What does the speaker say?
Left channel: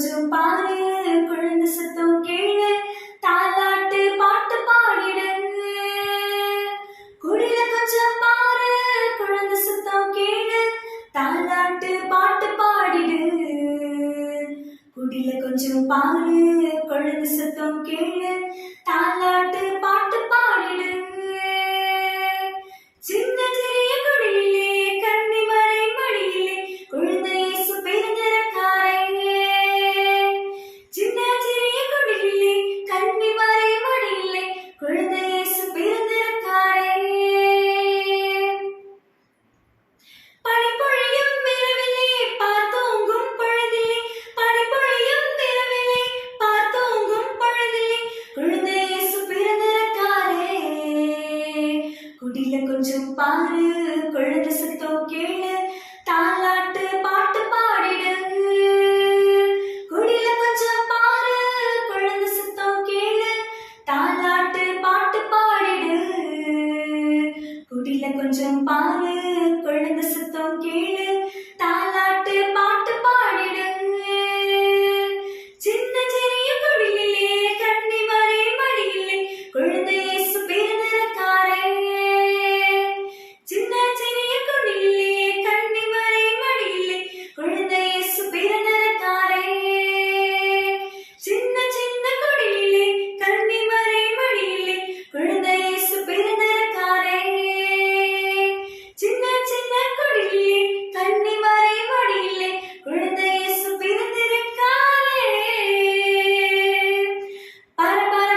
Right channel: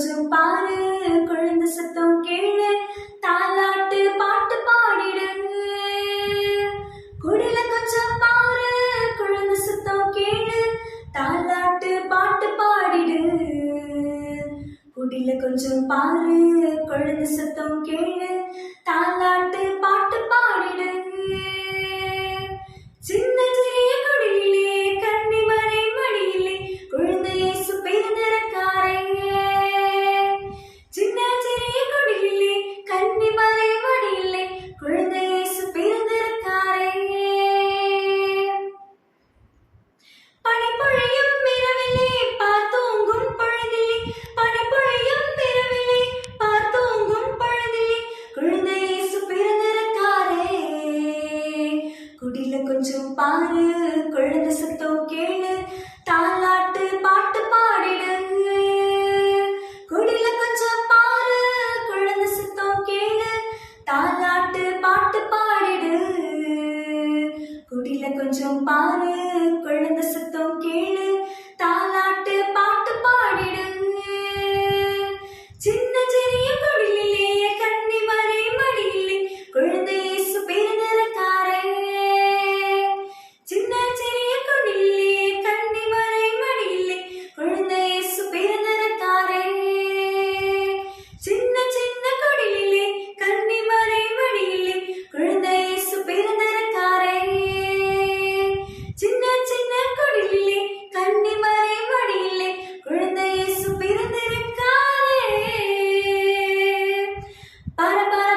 கொஞ்சம் பாரு குழந்தை சத்தம் கேளு தாலாட்டு பாட்டு பாடிடு குடில கொஞ்சம் பாரு குழந்தை சத்தம் கேளு தாலாட்டு பாட்டு பாடிடு குடில கொஞ்சம் பாரு குழந்தை சத்தம் கேளு தாலாட்டு பாட்டு பாடிடு சின்ன சிறிய குடிலே கன்னிமறை மடியிலே குழந்தை இயேசு பிறந்திருக்காரே சின்ன சிறிய குடிலே கன்னிமறை மடியிலே குழந்தை இயேசு பிறந்திருக்காரே பனிப்பொழியும் இரவிலே பார்த்தோங்கும் பொழுதிலே பனிப்பொழியும் இரவிலே பார்த்தோங்கும் பொழுதிலே குழந்தை இயேசு பிறந்திருக்காரே குடில கொஞ்சம் பாரு குழந்தை சத்தம் கேளு தாலாட்டு பாட்டு பாடிடு குடில கொஞ்சம் பாரு குழந்தை சத்தம் கேளு தாலாட்டு பாட்டு பாடிடு குடில கொஞ்சம் பாரு குழந்தை சத்தம் கேளு தாலாட்டு பாட்டு பாடிடு சின்ன சிறிய குடிலே கன்னிமறை மடியிலே குழந்தை இயேசு பிறந்திருக்காரே சின்ன சிறிய குடிலே கன்னிமறை மடியிலே குழந்தை இயேசு பிறந்திருக்காரே சின்ன சின்ன குடிலே கன்னிமறை மடியிலே குழந்தை இயேசு பிறந்திருக்காரே சின்ன சின்ன குடிலே கன்னிமறை மடியிலே குழந்தை இயேசு பிறந்திருக்காரே பர பர